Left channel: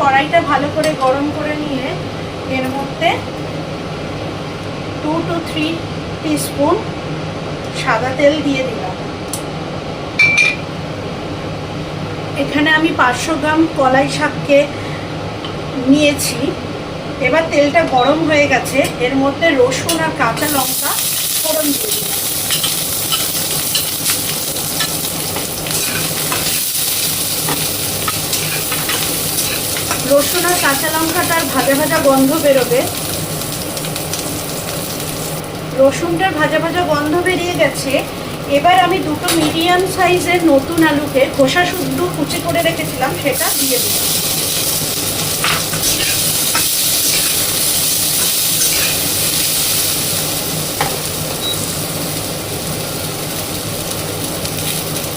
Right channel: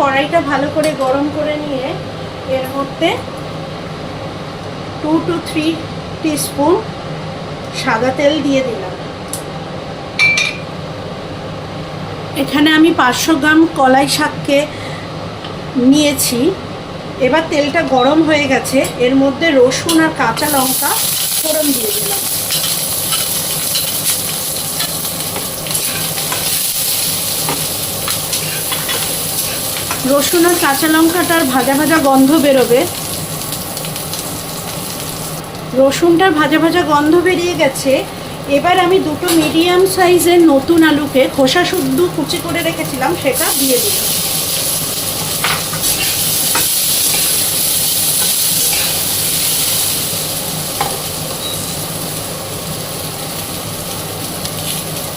কড়াইটা ভালো করে গরম করে নিয়ে এর মধ্যে 2 to 3 টিস্পুন সাদা তেল দিয়ে দিলাম। এখানে আমি 500 গ্রাম কলাই শাককে নিয়েছি। এবার তেলটা গরম হয়ে গেছে, এর মধ্যে রসুন আর কাঁচা লঙ্কা ফোড়ন দিয়ে দিলাম। রসুন আর কাঁচা লঙ্কাটার ভাজা ভাজা গন্ধ বেরোবে। রসুনটার ভাজা ভাজা গন্ধ বেরিয়ে গেছে। এবার আমি দুটো মিডিয়াম সাইজের নতুন আলুকে খোসা শুদ্ধ কুচি করে রেখেছিলাম সেটা দিয়ে দিলাম।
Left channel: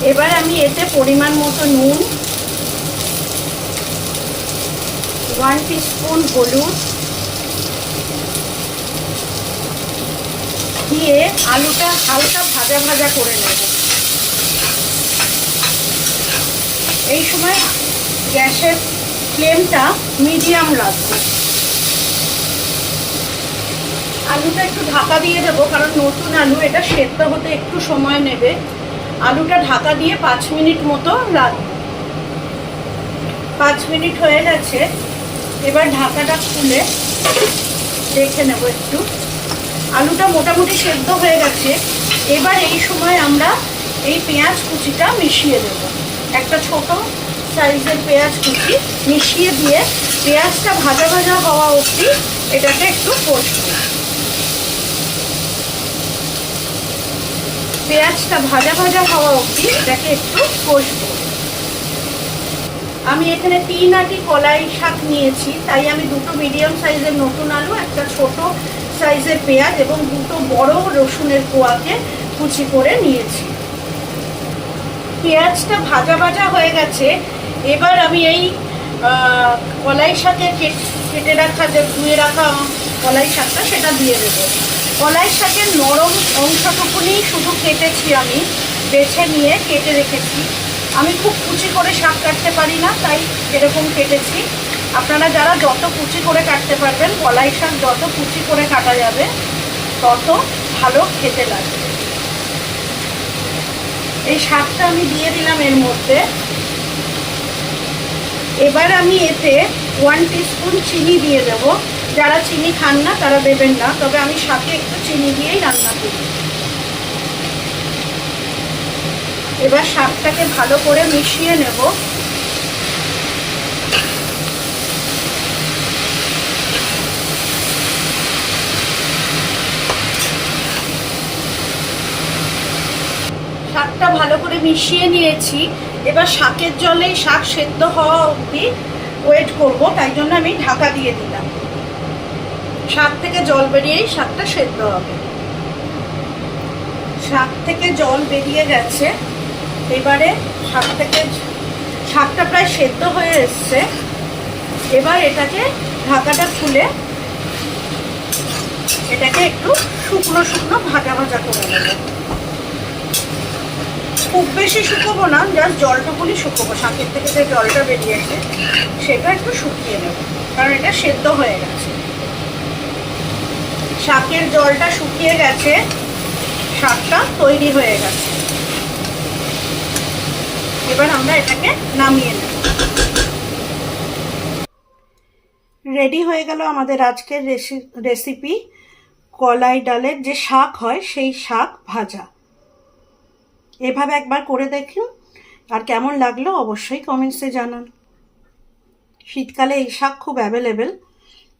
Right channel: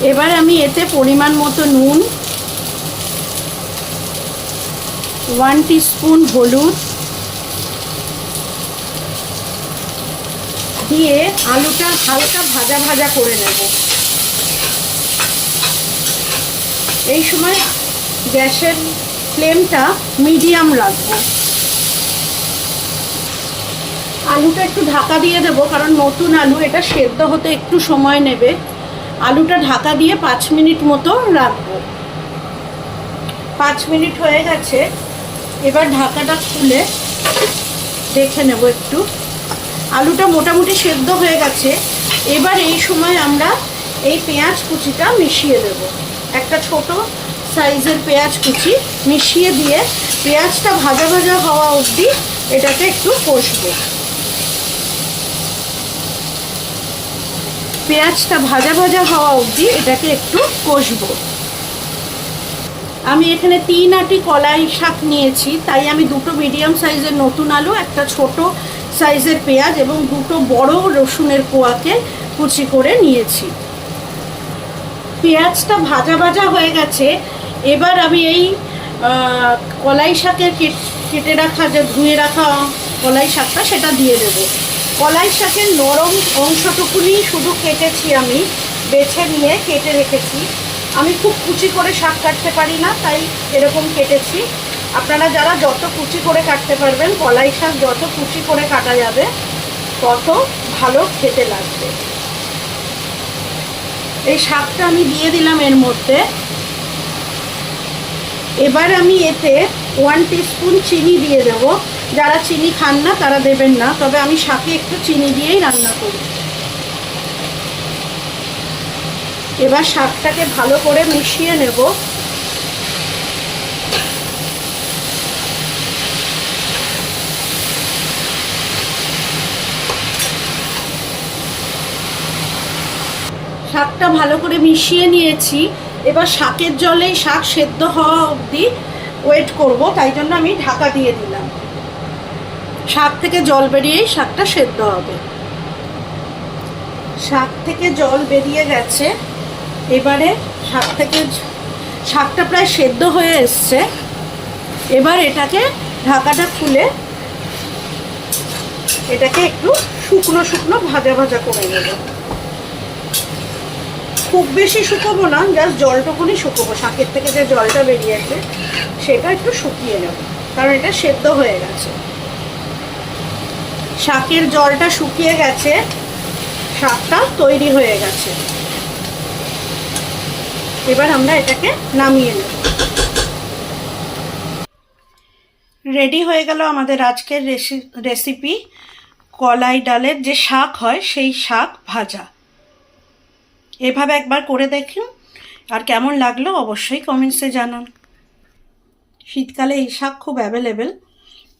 এবার আমি এতে পরিমাণ মতো নুন, 1 টিস্পুন হলুদ দিয়ে আলুটা হালকা ভাজা ভাজা করে নেব। এই সময় গ্যাসের ফ্লেমটা মিডিয়াম রাখবো। আলুটা একটু ঢাকা দিয়ে দেবো, কারণ নতুন আলু, এটা সেদ্ধ হতে একটু সময় নেবে। আলুটা ঢাকা দিয়ে 5 মিনিট মতো রাখবো। 5 মিনিট হয়ে গেছে। এবার ঢাকাটা খুলে দেখে নেব একটু। আলুটা মোটামুটি সেদ্ধ হয়ে গেছে। এবার এই সময় আমরা এই পেঁয়াজ কুচিটা মিশিয়ে দেব। একটা ছোট সাইজের পেঁয়াজ কুচি মিশিয়ে দিয়ে পেঁয়াজটা ভাজা ভাজা হওয়া অবধি এটাকে একটু কষবো। পেঁয়াজটা ভাজা ভাজা হওয়া অবধি এটাকে একটু কষবো। আমি এখানে 3 আটি কলাই শাক নিয়েছি, তাই আমি দুটো মিডিয়াম সাইজের নতুন আলু, একটা ছোট সাইজের পেঁয়াজ এবং দুটো বড় রসুনের কোয়াকে কুচি করে নিয়েছি। পেঁয়াজটা ভাজা ভাজা হয়ে গেছে। এবার আমি এই কলাই শাকের কেটে রাখা, যে ধুয়ে রাখা কলাই শাকটা, সেটা দিয়ে দেবো। কলাই শাকের নরম অংশটুকুনি শুধু কেটেছি, আমি বেছে নিয়ে কেটে রেখেছি। আমি খুব কুচি করে শাক কাটতে পারি না, তাই এরকম কেটেছি। আপনারা যারা যত কুচি করে কাটতে পারবেন, কলাই শাক যত কুচি করে কাটা যাবে তত ভালো খেতে লাগবে। এই শাকটা আমি দিয়ে দিলাম এর মধ্যে। এবার আমি এতে 1 টিস্পুন চিনি দিয়ে দেব। যারা চিনি খান না তারা দেবেন না, তবে আমি শাকে একটু চিনি দিয়েই রান্না করি। এবার শাকটাকে ভালো করে মিশিয়ে নেব। শাকটা ভালো করে মিশিয়ে নিয়েছি। এবার শাকের জলে শাক সেদ্ধ হওয়া অবধি ওয়েট করব, তাই জন্য আমি ঢাকা দিয়ে দিলাম। শাক থেকে জল বেরিয়েই শাকটা সেদ্ধ হবে। শাক থেকে জল বেরিয়ে গেছে। এবারে শাকটা প্রায় সেদ্ধ হয়ে এসছে। এবার এটাকে ঢাকাটা খুলে এটাকে একটু শুকনো শুকনো ভাজা ভাজা করে নেব। খুব বেশি শুকোবো না, জাস্ট জলটুকুনি শুকোবো। শাকের থেকে যে জলটা বেরিয়েছে সেটা একটু শুকিয়ে নেব, কারণ এটা সেদ্ধ হয়ে গেছে। শাকের জলটা শুকিয়ে গেছে, শাকটা তৈরি হয়ে গেছে। এবার আমরা এটাকে নামিয়ে নেব। রেডি হয়ে গেল আমাদের আজকের রেসিপি, কলাই ডালের যে শাক হয় সেই শাক ভাজা। এভাবে একবার করে দেখুন, আর কেমন লাগলো অবশ্যই কমেন্টসে জানান। শীতকালে এই শাক খুব অ্যাভেলেবেল,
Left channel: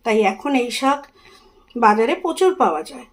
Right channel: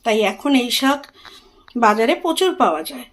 তাই এখন এই শাক বাজারে প্রচুর পাওয়া যায়।